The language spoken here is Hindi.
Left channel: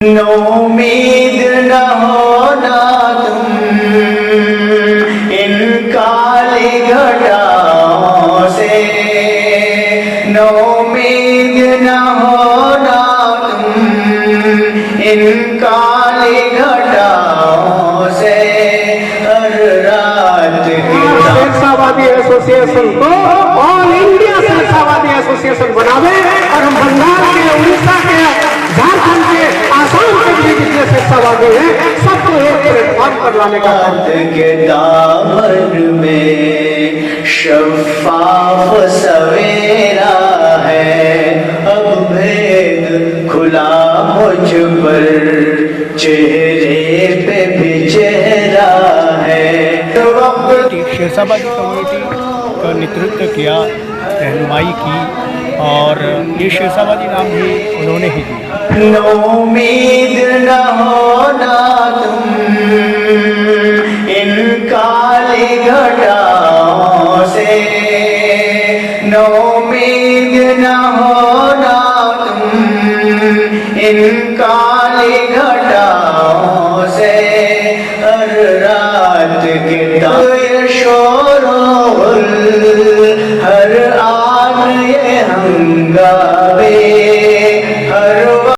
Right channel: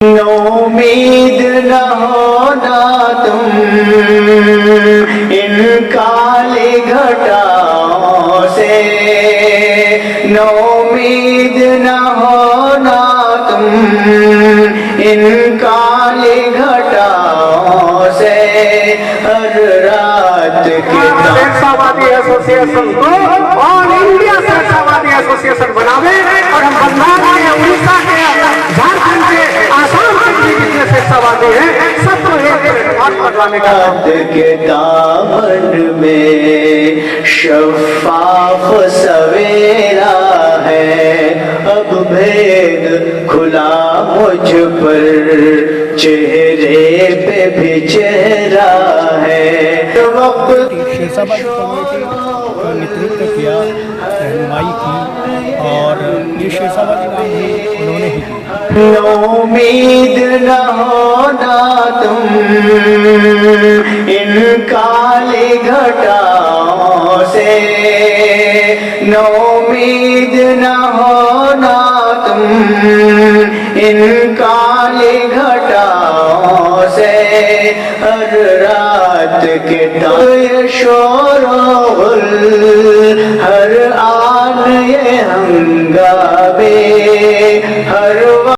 उम्मीद न होना तुम इन काली घटाओं से, नो उम्मीद न होना तुम इन काली घटाओं से। हर रात शेरशाहवादी एसोसिएशन को ऑल इंडिया शेरशाहवादी एसोसिएशन बनावे और हम बंगाल के, उड़ीसा के, झारखंड के, आसाम के भी जितने शेरशाहवादी हैं सबको एक प्लेटफॉर्म पर लाने का काम के दामन में शफ़ाफ़ सवेरा है, अब भेद खुला मुझ पर, चेहरे पे भी चेहरा है। शेरशाहवादी कम्युनिटी का नेतृत्व किया, रहनुमाई की, और ये शेरशाहवादी नाम भी उन्होंने ही दिया। उम्मीद न होना तुम इन काली घटाओं से, नो उम्मीद न होना तुम इन काली घटाओं से। हर रात के शोर